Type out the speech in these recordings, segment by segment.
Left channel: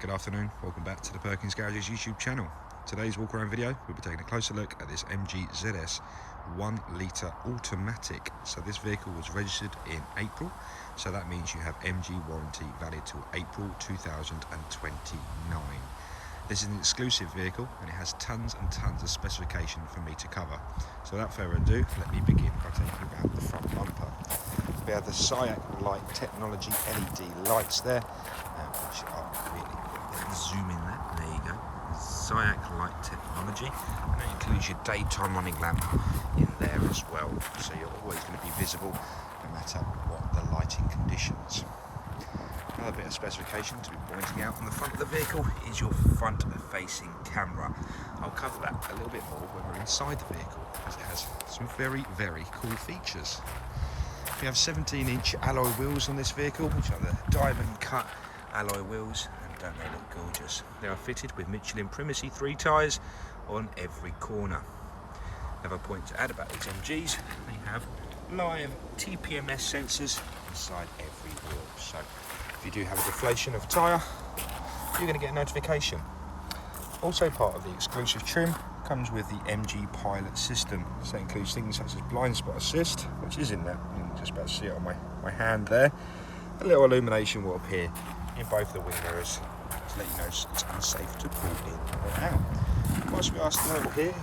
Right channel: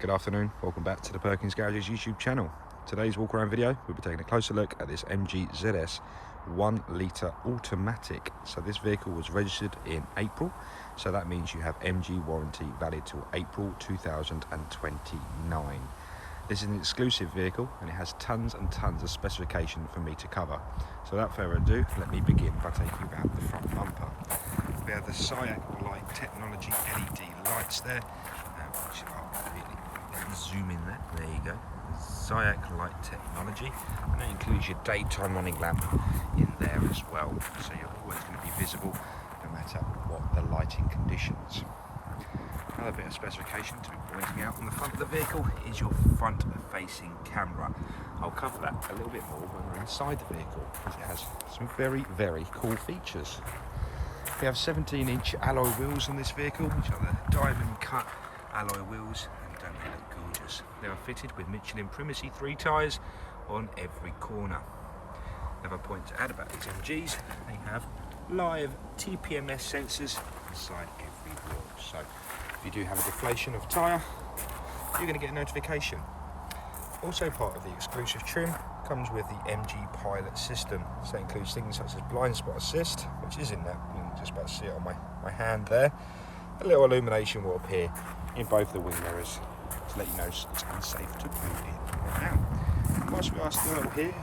Good afternoon, welcome back to the Perkins Garages YouTube channel. Today's walk around video, we'll be taking a closer look at this MG ZS 1 litre automatic. So this vehicle was registered in April, so that means you have MG warranty valid till April 2029. This is an exclusive vehicle and it has tons and tons of specification for me to cover. So without further ado, let me begin by taking you about the front bumper. We have the SIAC light technology LED lights there, which are really, let me zoom in there you go. SIAC light technology, and that includes your daytime running lamp in there as well. So you're always going to be visible no matter what the lighting conditions. Another bit of specification to be pointing out on the front of the vehicle is your front facing camera. I'll cover that a little bit more when we're inside the vehicle, because it has some very, very cool features. We have 17-inch alloy wheels on this vehicle, which are the diamond cut alloy wheels, and don't they look gorgeous? They are fitted with Michelin Primacy 3 tyres on every corner. Another point to add about these MGs, they have live Tpms sensors inside every wheel. So if you do have a deflation of tyre, you're going to get a notification. Also part of the exclusive trim comes with the MG Pilot system. So it includes things such as blind spot assist, which is in that, you can just about see it on my hand there. A little illumination warp here in both the wing mirrors to let you know it's unsafe to pull in or out. Whilst we are still here,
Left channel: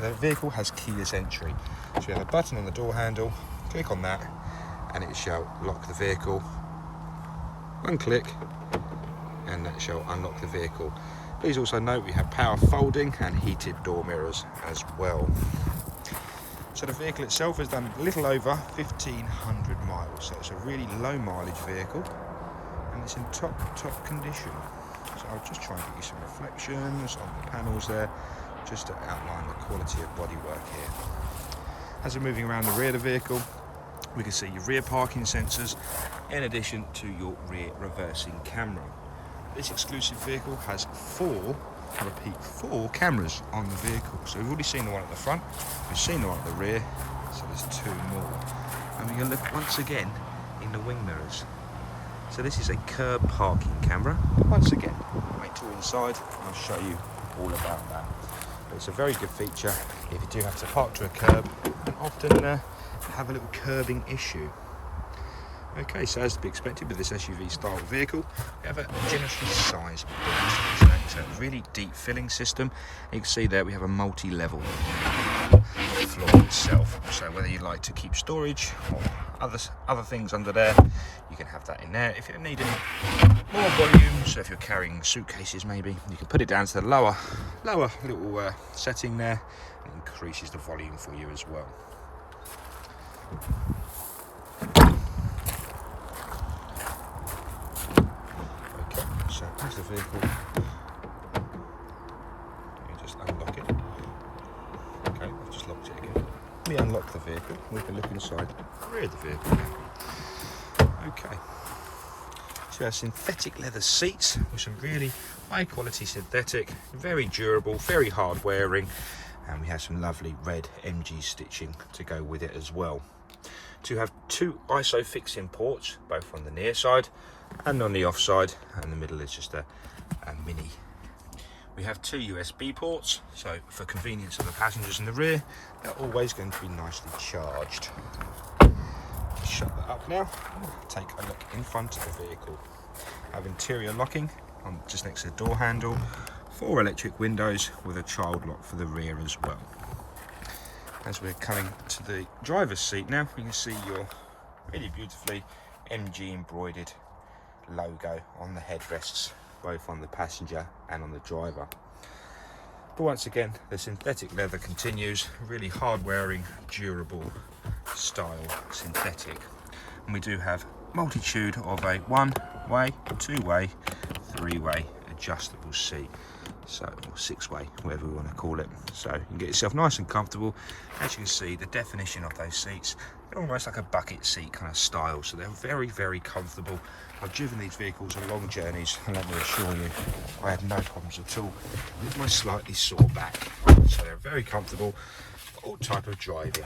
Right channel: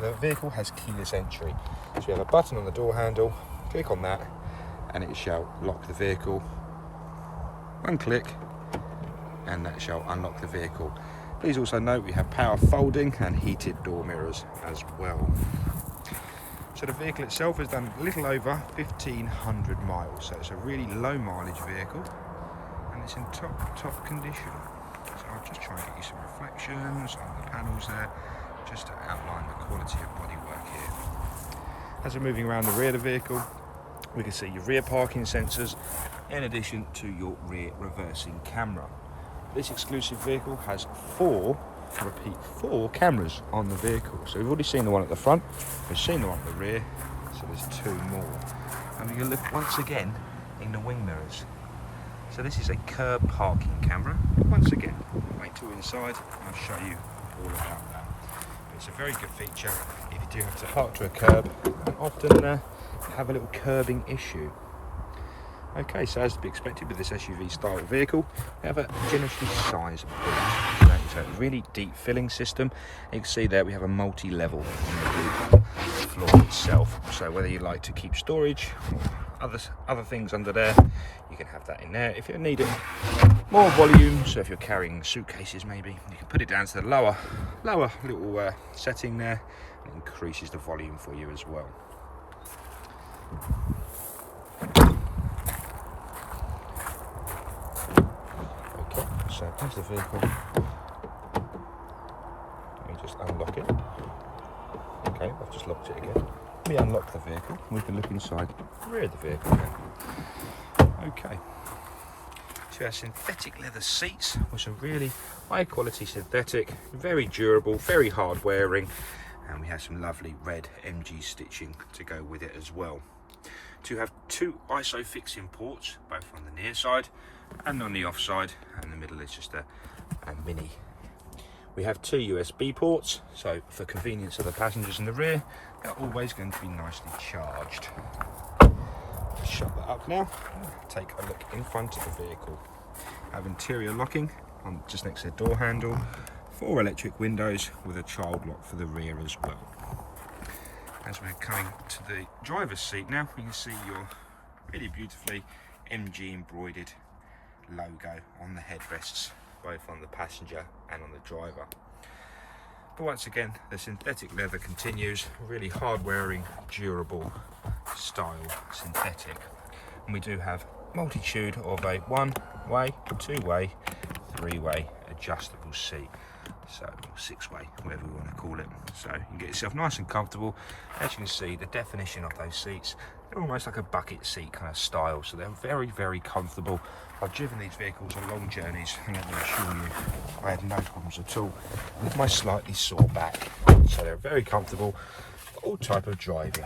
the vehicle has keyless entry. So we have a button on the door handle, click on that and it shall lock the vehicle. One click and that shall unlock the vehicle. Please also note we have power folding and heated door mirrors as well. So the vehicle itself has done a little over 1500 miles, so it's a really low mileage vehicle and it's in top condition. So I'll just try and get you some reflections on the panels there, just to outline the quality of bodywork here. As we're moving around the rear of the vehicle, we can see your rear parking sensors in addition to your rear reversing camera. This exclusive vehicle has four cameras on the vehicle. So we've already seen the one at the front, we've seen the one at the rear, so there's two more. And we can look once again in the wing mirrors. So this is a curb parking camera. Once again, wait till we're inside and I'll show you all about that. But it's a very good feature if you do have to park to a curb and often have a little curbing issue. Okay, so as to be expected with this SUV style vehicle, we have a generously sized boot. So it's a really deep filling system. You can see there we have a multi-level floor itself. So whether you like to keep storage or other things under there, you can have that in there. If you're needing more volume, so if you're carrying suitcases maybe, you can put it down to the lower little setting there. It increases the volume for you as well. So that's the vehicle. Let me just unlock it. Okay, I've just locked it again. Let me unlock the vehicle. We can look inside the rear of the vehicle now. Okay. So our synthetic leather seats, which are really high quality synthetic, very durable, very hard wearing, and we have some lovely red MG stitching to go with it as well. To have two ISO fixing ports, both on the near side and on the off side, and the middle is just a mini. We have two USB ports, so for convenience of the passengers in the rear, they're always going to be nicely charged. Just shut that up now. Take a look in front of the vehicle. Have interior locking on just next to the door handle, 4 electric windows with a child lock for the rear as well. As we're coming to the driver's seat now, we can see your really beautifully MG embroidered logo on the headrests, both on the passenger and on the driver. But once again, the synthetic leather continues, really hard wearing, durable style synthetic. And we do have multitude of a 1-way, 2-way, 3-way adjustable seat. So, or 6-way, whatever we want to call it. So you can get yourself nice and comfortable. As you can see, the definition of those seats, they're almost like a bucket seat kind of style. So they're very, very comfortable. I've driven these vehicles on long journeys, and let me assure you, I have no problems at all with my slightly sore back. So they're very comfortable for all type of driving.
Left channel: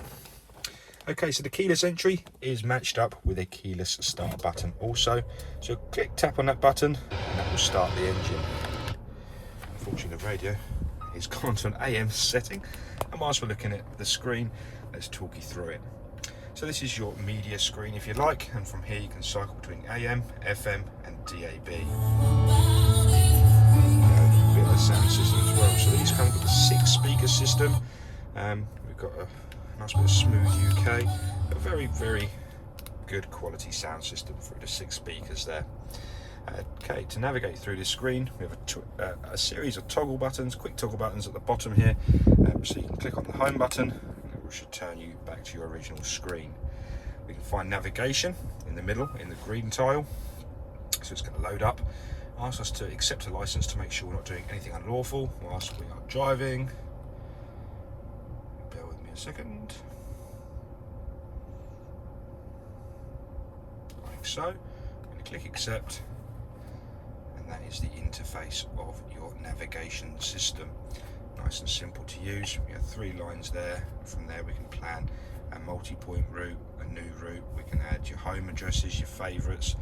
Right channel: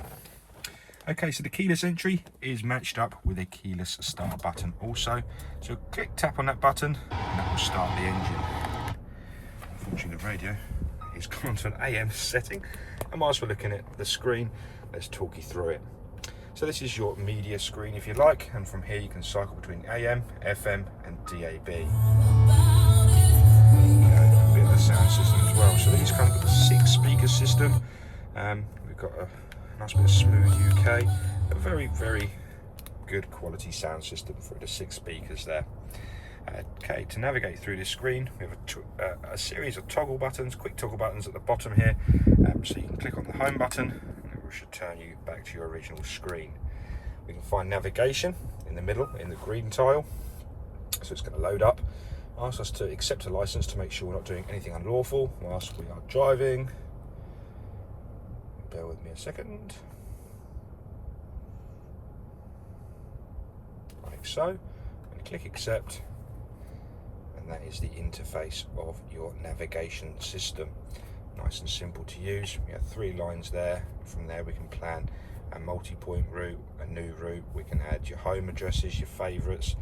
Okay, so the keyless entry is matched up with a keyless start button also. So tap on that button and that will start the engine. Unfortunately the radio is gone to an AM setting, and whilst we're looking at the screen, let's talk you through it. So this is your media screen if you like, and from here you can cycle between AM, FM and DAB. There you go, a bit of the sound system as well. So these come with a 6-speaker system. We've got a nice bit of smooth UK, a very, very good quality sound system through the 6 speakers there. Okay, to navigate through this screen, we have a series of toggle buttons, quick toggle buttons at the bottom here. So you can click on the home button, and it should turn you back to your original screen. We can find navigation in the middle, in the green tile. So it's going to load up. Ask us to accept a license to make sure we're not doing anything unlawful whilst we are driving. Bear with me a second. Like so. I'm going to click accept. That is the interface of your navigation system. Nice and simple to use. We have 3 lines there. From there we can plan a multi-point route, a new route. We can add your home addresses, your favourites,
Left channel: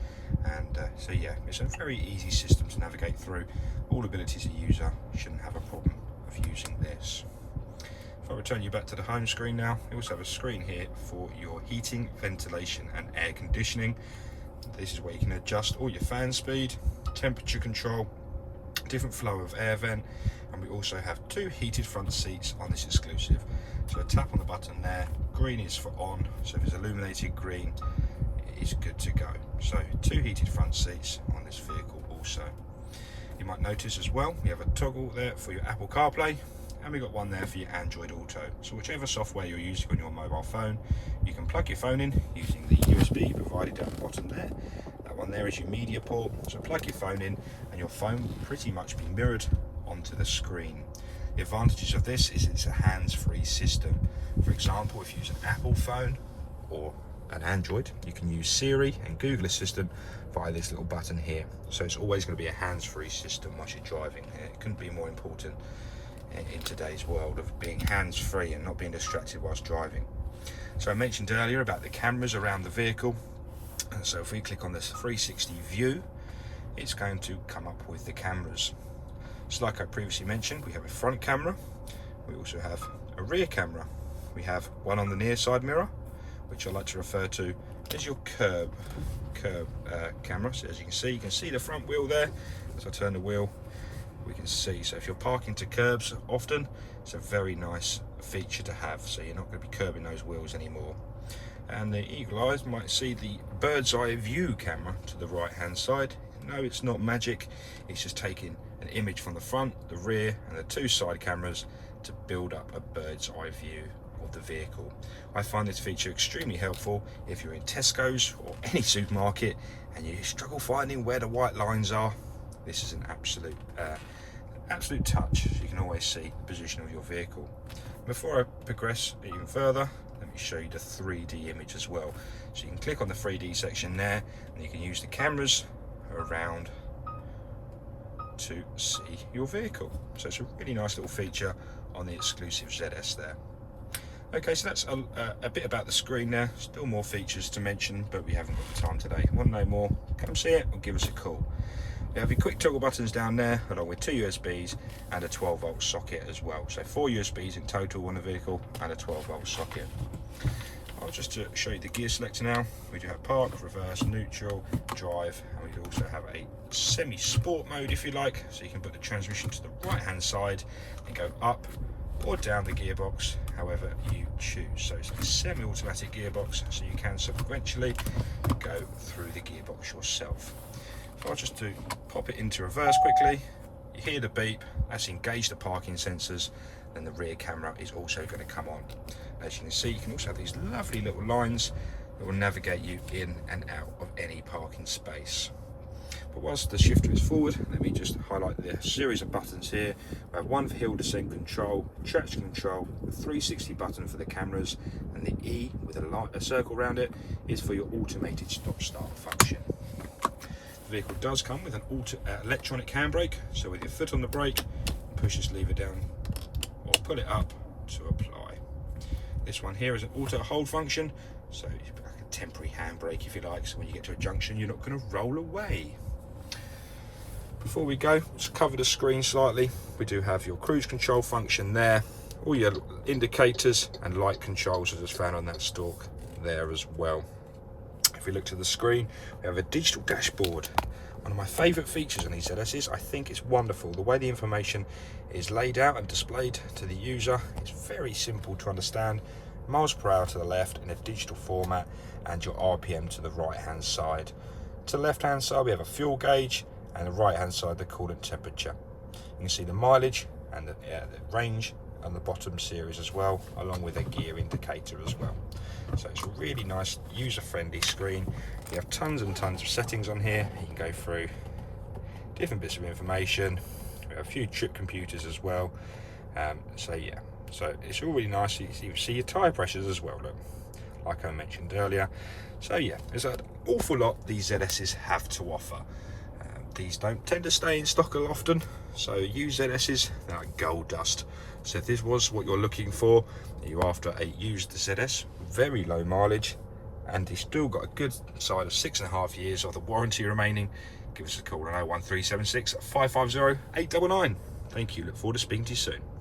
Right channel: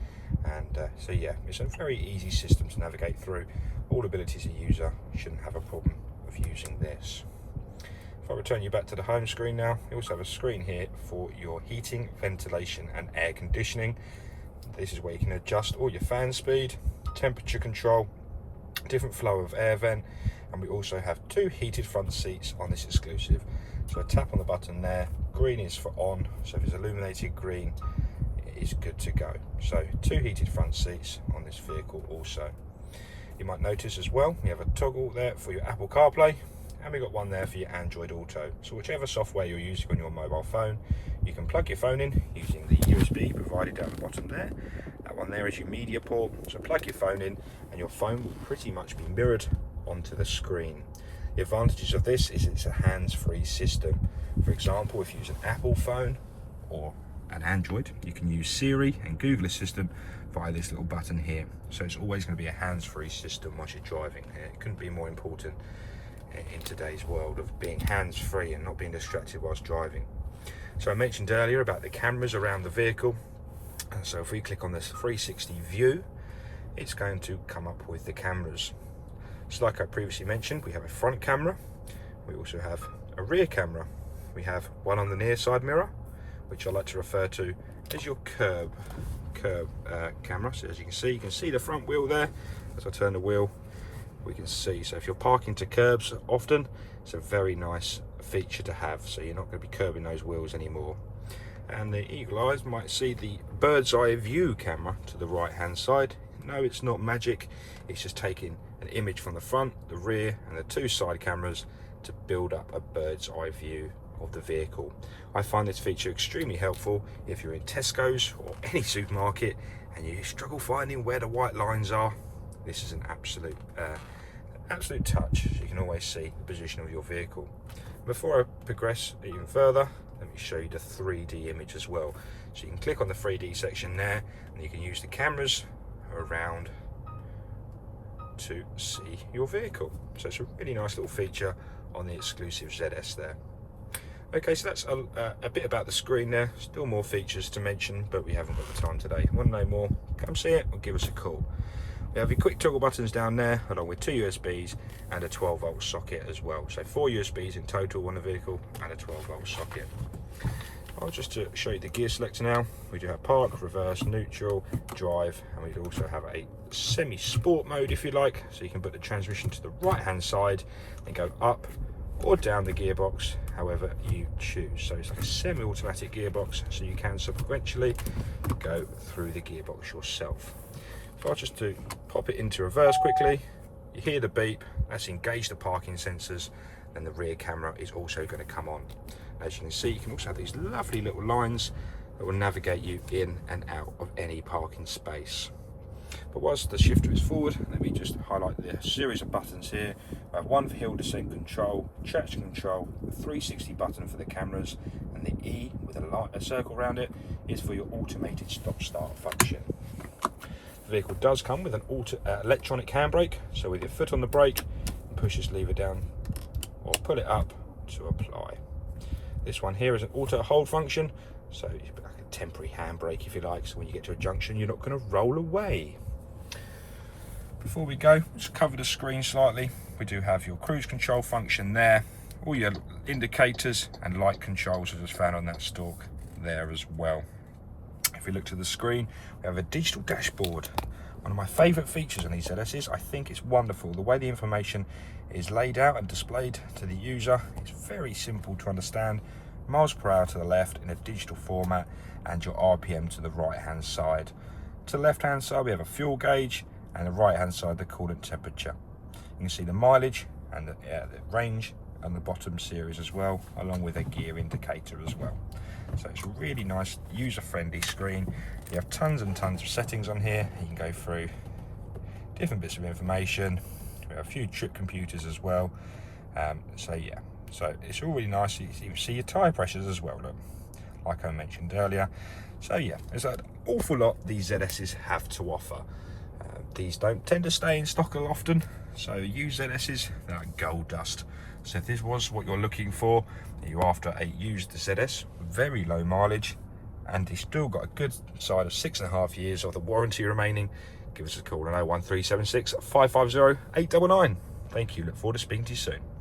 and so yeah, it's a very easy system to navigate through. All abilities a user shouldn't have a problem of using this. If I return you back to the home screen now, you also have a screen here for your heating, ventilation and air conditioning. This is where you can adjust all your fan speed, temperature control, different flow of air vent, and we also have 2 heated front seats on this exclusive. So I tap on the button there, green is for on, so if it's illuminated green it is good to go. So 2 heated front seats on this vehicle also. You might notice as well we have a toggle there for your Apple Carplay, and we've got one there for your Android Auto. So whichever software you're using on your mobile phone, you can plug your phone in using the USB provided down the bottom there. That one there is your media port, so plug your phone in and your phone will pretty much be mirrored onto the screen. The advantages of this is it's a hands-free system. For example, if you use an Apple phone or an Android, you can use Siri and Google Assistant via this little button here. So it's always going to be a hands-free system once you're driving. It couldn't be more important in today's world of being hands-free and not being distracted whilst driving. So I mentioned earlier about the cameras around the vehicle, and so if we click on this 360 view, it's going to come up with the cameras. So like I previously mentioned, we have a front camera, we also have a rear camera, we have one on the near side mirror, which I like to refer to as your curb camera. So as you can see the front wheel there. As I turn the wheel, we can see, so if you're parking to curbs often, it's a very nice feature to have, so you're not going to be curbing those wheels anymore. And the eagle eyes might see the bird's eye view camera to the right hand side. No, it's not magic, it's just taking an image from the front, the rear and the 2 side cameras to build up a bird's eye view of the vehicle. I find this feature extremely helpful if you're in Tesco's or any supermarket and you struggle finding where the white lines are. This is an absolute touch, so you can always see the position of your vehicle. Before I progress even further, let me show you the 3D image as well. So you can click on the 3D section there, and you can use the cameras around to see your vehicle. So it's a really nice little feature on the exclusive ZS there. Okay, so that's a bit about the screen there. Still more features to mention, but we haven't got the time today. Want to know more? Come see it or give us a call. We have your quick toggle buttons down there, along with 2 USBs and a 12-volt socket as well. So 4 USBs in total on the vehicle and a 12-volt socket. I'll just to show you the gear selector now. We do have park, reverse, neutral, drive, and we do also have a semi-sport mode if you like. So you can put the transmission to the right-hand side and go up or down the gearbox, however you choose. So it's like a semi-automatic gearbox, so you can sequentially go through the gearbox yourself. So I'll just to pop it into reverse quickly. You hear the beep, that's engaged the parking sensors, then the rear camera is also going to come on. As you can see, you can also have these lovely little lines that will navigate you in and out of any parking space. But whilst the shifter is forward, let me just highlight the series of buttons here. We have one for hill descent control, traction control, a 360 button for the cameras, and the E with a circle around it is for your automated stop-start function. The vehicle does come with an electronic handbrake, so with your foot on the brake, push this lever down or pull it up to apply. This one here is an auto hold function, so it's like a temporary handbrake if you like, so when you get to a junction you're not going to roll away. Before we go, just cover the screen slightly. We do have your cruise control function there, all your indicators and light controls are just found on that stalk there as well. If we look to the screen, we have a digital dashboard. One of my favourite features on these ZSs. I think it's wonderful. The way the information is laid out and displayed to the user, it's very simple to understand. Miles per hour to the left in a digital format and your RPM to the right hand side. To the left hand side we have a fuel gauge, and the right hand side the coolant temperature. You can see the mileage and the range on the bottom series as well, along with a gear indicator as well. So it's a really nice user-friendly screen. You have tons and tons of settings on here. You can go through different bits of information. We have a few trip computers as well. So yeah, so it's all really nice. You see your tyre pressures as well, look, like I mentioned earlier. So yeah, there's an awful lot these ZSs have to offer. These don't tend to stay in stock often, so used ZSs, they're like gold dust. So if this was what you're looking for, you're after a used ZS, very low mileage, and it's still got a good side of 6.5 years of the warranty remaining, give us a call on 01376 550 899. Thank you, look forward to speaking to you soon.